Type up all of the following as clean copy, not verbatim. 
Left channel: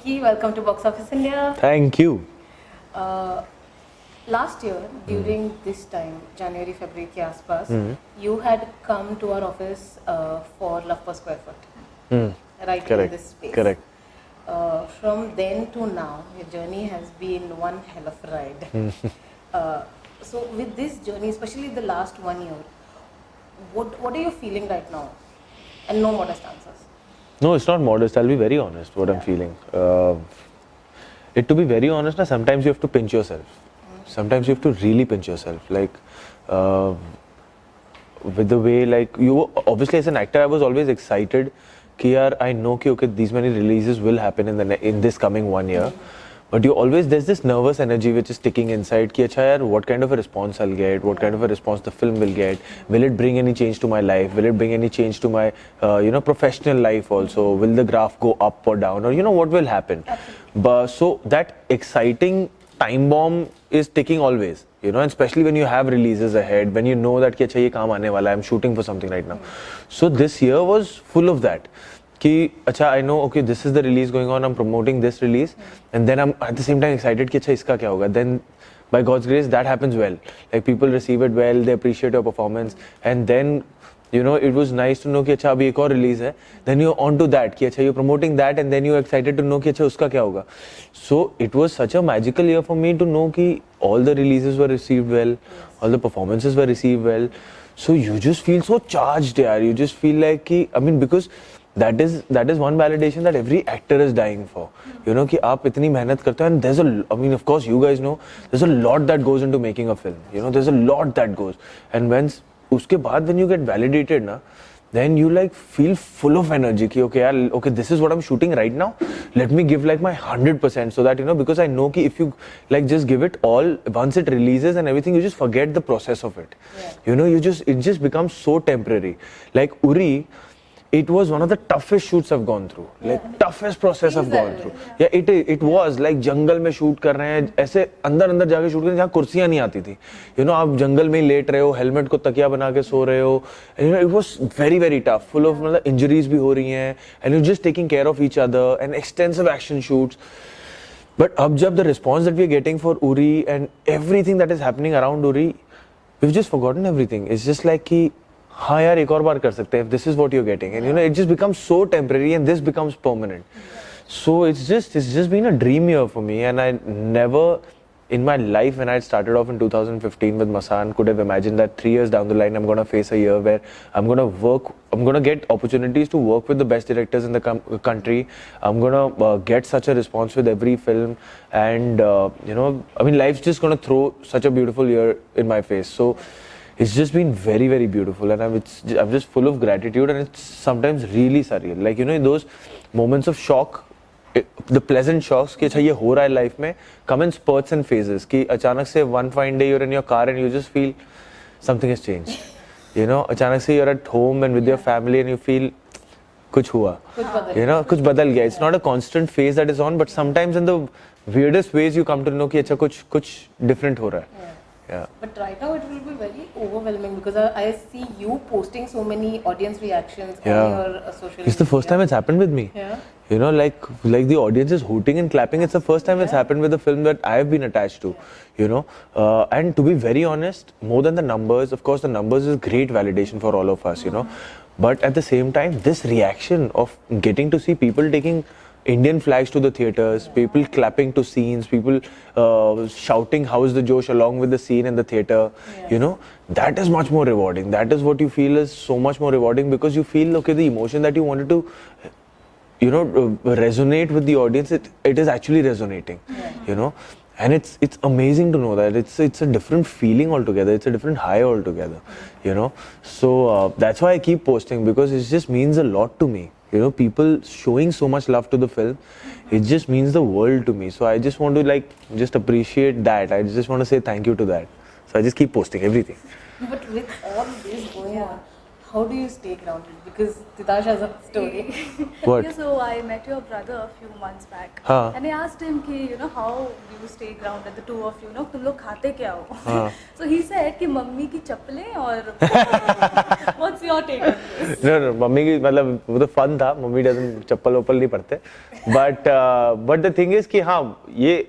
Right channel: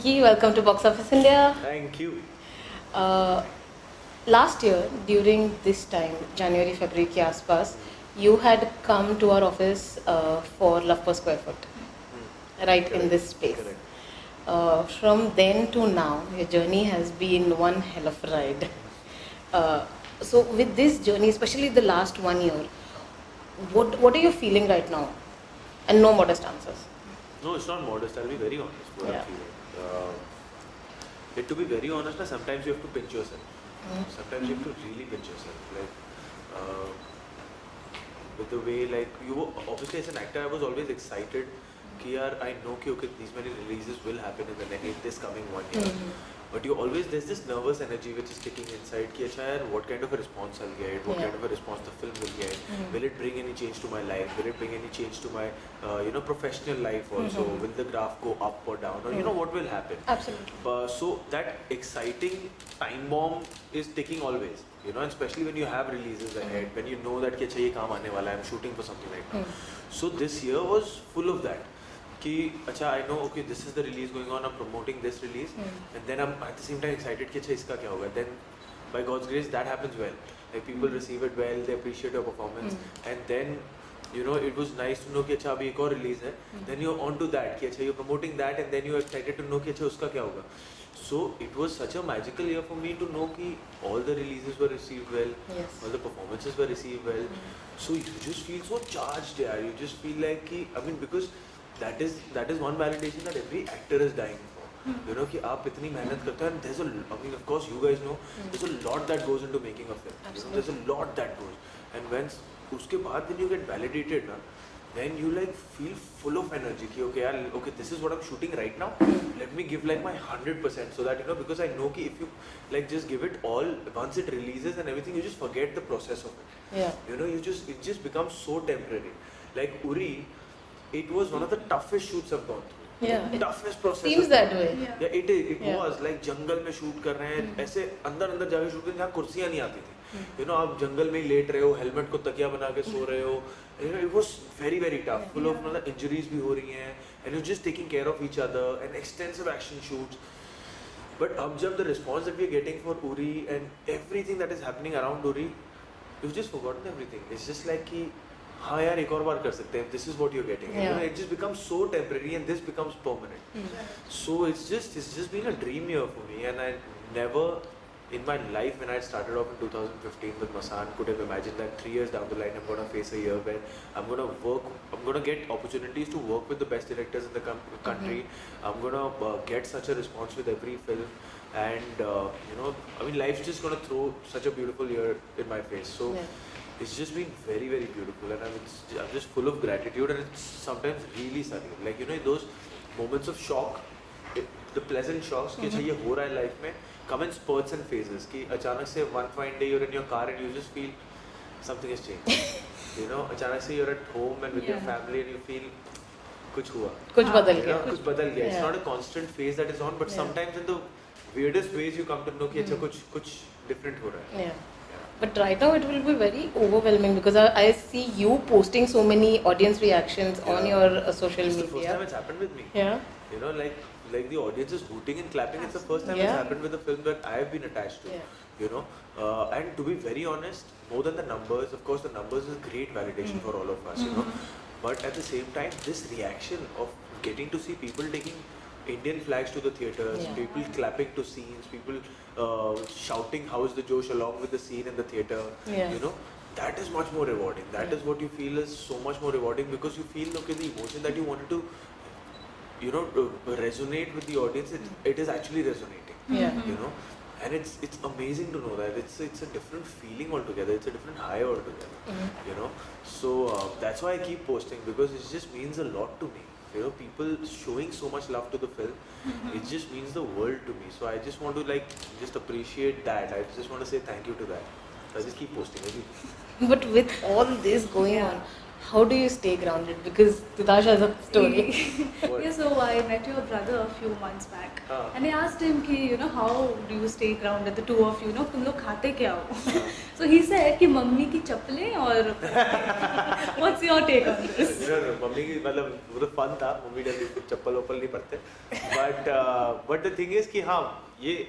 Kiki, welcome to Box Office India. Thank you. Uh, Last year, during this time, January, February के आसपास, you had come to our office for Love per Square Foot, right? Correct. In this space. Correct. From then to now, your journey has been one hell of a ride. So with this journey, especially the last 1 year, what are you feeling right now? And no modest answers. No, it's not modest. I'll be very honest what I'm feeling. To be very honest, sometimes you have to pinch yourself. Sometimes you have to really pinch yourself. Like, with the way, like, you obviously as an actor, I was always excited. Ki yaar, I know ki okay, these many releases will happen in this coming 1 year. But there's this nervous energy which is sticking inside. Ki acha yaar, what kind of a response I'll get? What kind of a response the film will get? Will it bring any change to my life? Will it bring any change to my, professional life also? Will the graph go up or down? Or what will happen? Absolutely. So that exciting time bomb is ticking always. And especially when you have releases ahead, when you know that ki acha ye kaam aane wala, I'm shooting for something right now. So this year was full of that. Ki acha, I know, okay, this is the release going on, I'm promoting this release, and then I'm at the same time excited ki acha iska kya hoga. Then by God's grace that happens well. Like people receive it well, they appreciate your performance, and then it was nice to know ki acha abhi ek aur release hai. Then you're on to that ki acha you're promoting that, and then you're excited to know ki acha uska kya hoga. So it was such a magical year for me to know ki all the releases were received well, all the performances were received well. So you just feel so charged, yaar. You just feel like ki, because that is one validation that every actor is dying for. कि आप इतनी मेहनत करते हो, and of course you guys know there's a lot that goes into making a film. There's a lot that goes, and उसके बाद when you get validated na, then you like feel full of energy कि okay, this is what I'm shooting right now, let me give like my 100%, so that because I know कि if you like just give it all, once it releases and everything, you just forget the process of it. It just becomes so temporary. Like Uri, it was one of the toughest shoots I've gone through. Like toughest process I've gone through. Yeah, it was like जंगल में shoot कर रहे हैं, ऐसे अंदर जाके shoot कर रहे हैं जहाँ कुर्सियाँ नहीं आती थी. आप जंगल में लेट रहे हो, हेलमेट को तकिया बना के सो रहे हो. It was very tough, full of injuries भी हो रही हैं, and you're just taking care of each other, and extensive action shoots. But अब जब the response that we're getting for Uri and everything that is happening around Uri, we've just forgotten everything. It's just like कि हाँ यार एक और बार कर सकते हैं, if this is what you're getting, and it just becomes so temporary, and this becomes permanent. So it's just been a dream year for me, and I never in my life, when I started off in 2015 with Masaan, could have imagined that 3 years down the line I'm going to face a year where I'm going to get opportunities to work with the best directors in the country. I'm going to get such a response with every film, and life's just going to throw such a beautiful year in my face. So it's just been very beautiful, and I'm just full of gratitude, and it's sometimes really surreal. Like those moments of shock, the pleasant shocks कि अच्छा ये हो रहा है life में, come in spurts and phases. कि अचानक से one fine day you're in your car and you just feel something has changed. अचानक से you're at home and with your family and you feel कुछ हुआ. कुछ बदल गया. It's not a constant phase that is on, but sometimes in the weirdest ways you come to know कि अच्छा कुछ different हो रहा है. Yeah. But right now it will be very overwhelming because I see you posting so many audience reactions on your social media. It's the first time it's happened with me. Yeah. Like the audience is hooting and clapping. It's the first time it's happened with a film that I have been attached to. And to be very honest, more than the numbers, of course the numbers is great validation for all of us, But at the same time, this reaction of getting to see people taking Indian flags to the theaters, people clapping to scenes, people shouting "How's the Josh" along with the scene in the theater, that is much more rewarding. That is what you feel is so much more rewarding, because you feel okay, the emotion that you wanted to resonate with the audience, it is actually resonating. And it's amazing to know that it's a different feeling altogether. It's a different high altogether. So that's why I keep posting, because it just means a lot to me. People showing so much love to the film, it just means the world to me. So I just want to just appreciate that. I just want to say thank you to that. So I just keep posting everything. But with all this going on, how do you stay grounded? Because Titash has a story. What? Yeah, so I met your brother a few months back, हाँ. and I asked him कि how do you stay grounded, the two of you, तुम लोग खाते क्या हो? हाँ. So he said कि mummy की चप्पलें और what's your take on this? No, mummy की मतलब वो तो फन था. मम्मी doesn't चप्पल वप्पल नहीं पड़ते. But the thing is कि हाँ ये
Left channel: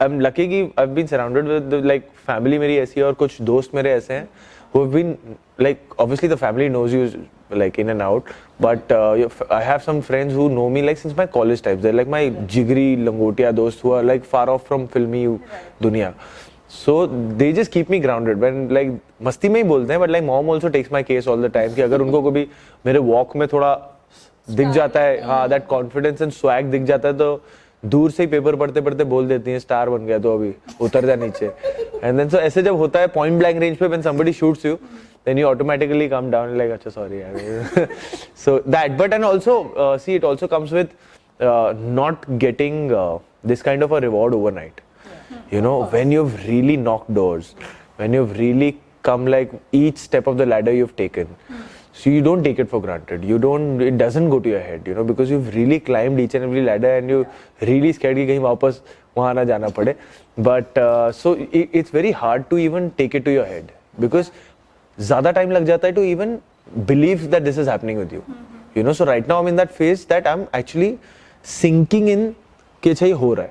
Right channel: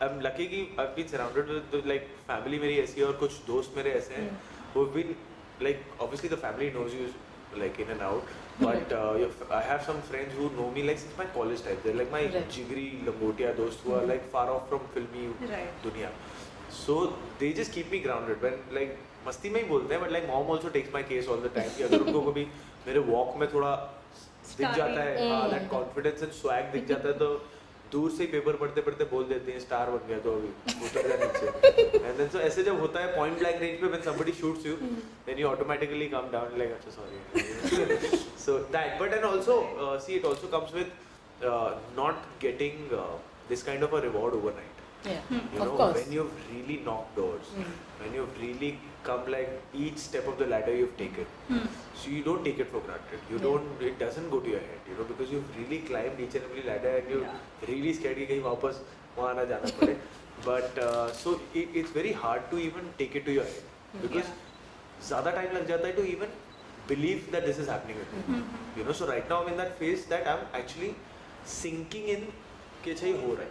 I'm lucky कि I've been surrounded with like family मेरी ऐसी है और कुछ दोस्त मेरे ऐसे हैं who've been like obviously the family knows you like in and out, but I have some friends who know me like since my college times. They're like my jigri langotia dost who are like far off from filmy dunya. So they just keep me grounded when like मस्ती में ही बोलते हैं, but like mom also takes my case all the time कि अगर उनको कभी मेरे walk में थोड़ा दिख जाता है, हाँ that confidence and swag दिख जाता है, तो दूर से ही पेपर पढ़ते पढ़ते बोल देती हैं स्टार बन गया तो अभी उतर जा नीचे. And then so ऐसे जब होता है point blank range पे when somebody shoots you, then you automatically come down like अच्छा sorry यार. So that, but and also see it also comes with not getting this kind of a reward overnight. Yeah. You know, when you've really knocked doors, when you've really come like each step of the ladder you've taken, so you don't take it for granted. You don't, it doesn't go to your head, you know, because you've really climbed each and every ladder and you really scared कि कहीं वापस वहाँ ना जाना पड़े. But so it's very hard to even take it to your head because ज़्यादा time लग जाता है to even believe that this is happening with you. You know, so right now I'm in that phase that I'm actually sinking in कि अच्छा ये हो रहा है.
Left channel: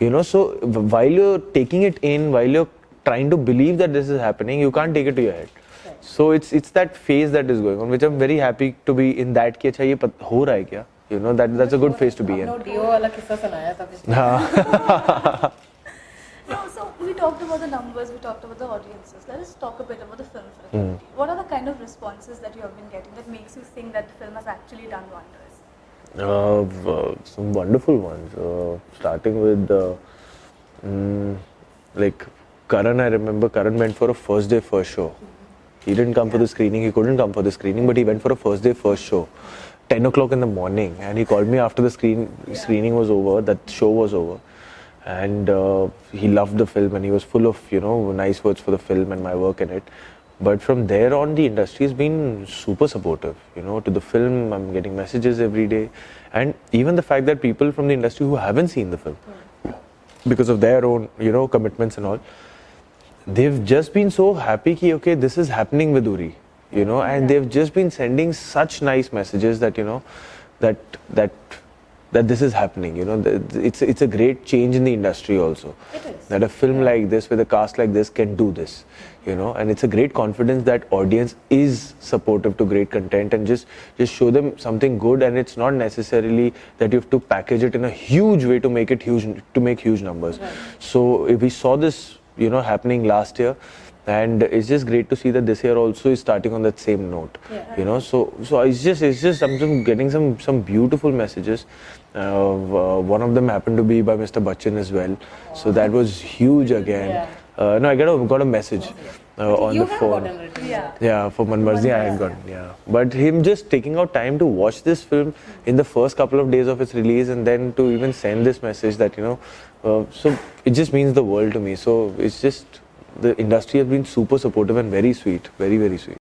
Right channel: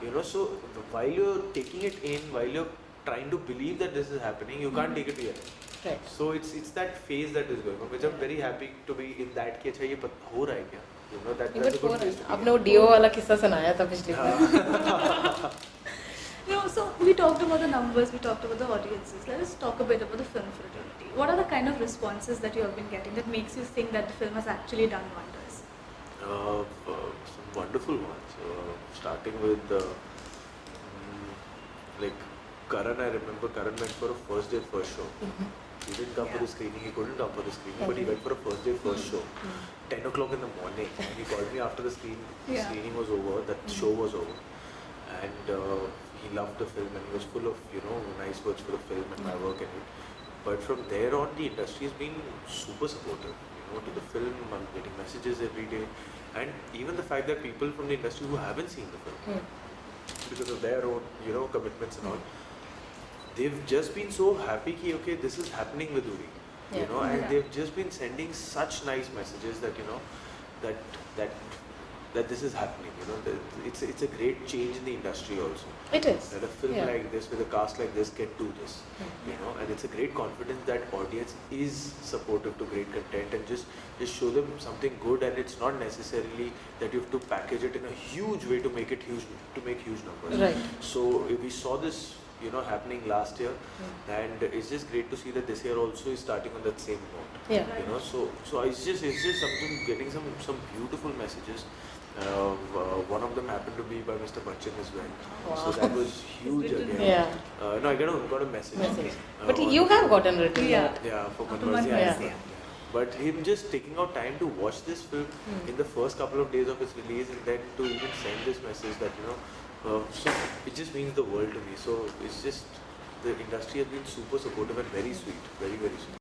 You know, so while you're taking it in, while you're trying to believe that this is happening, you can't take it to your head. Right. So it's that phase that is going on, which I'm very happy to be in that कि अच्छा ये हो रहा है क्या? You know, that's a good phase to be in. आपने वो do वाला किस्सा सुनाया था पिछले. No, so we talked about the numbers, we talked about the audiences. Let us talk a bit about the film fraternity. What are the kind of responses that you have been getting that makes you think that the film has actually done wonders? Some wonderful ones. Starting with like Karan, I remember Karan went for a first day first show. He didn't come for the screening, he couldn't come for the screening, but he went for a first day first show. 10 o'clock in the morning, and he called me after the screening was over, that show was over. And he loved the film and he was full of, you know, nice words for the film and my work in it. But from there on, the industry has been super supportive, you know, to the film. I'm getting messages every day. And even the fact that people from the industry who haven't seen the film, because of their own, you know, commitments and all, they've just been so happy ki, okay, this is happening with Uri, you know, and they've just been sending such nice messages that, you know, that this is happening, you know, it's a great change in the industry also. It is. That a film like this with a cast like this can do this, you know, and it's a great confidence that audience is supportive to great content and just show them something good, and it's not necessarily that you have to package it in a huge way to make it huge, to make huge numbers. Right. So if we saw this, you know, happening last year, and it's just great to see that this year also is starting on that same note. Yeah. You know, so it's just I'm getting some beautiful messages. One of them happened to be by Mr. Bachchan as well. Wow. So that was huge again. Yeah. No, I got a message. On You the have phone. gotten written. Yeah. Yeah, for Manmarzi I had gotten. Yeah, but him just taking out time to watch this film in the first couple of days of its release, and then to even send this message that, you know, so it just means the world to me. So it's just the industry has been super supportive and very sweet, very very sweet.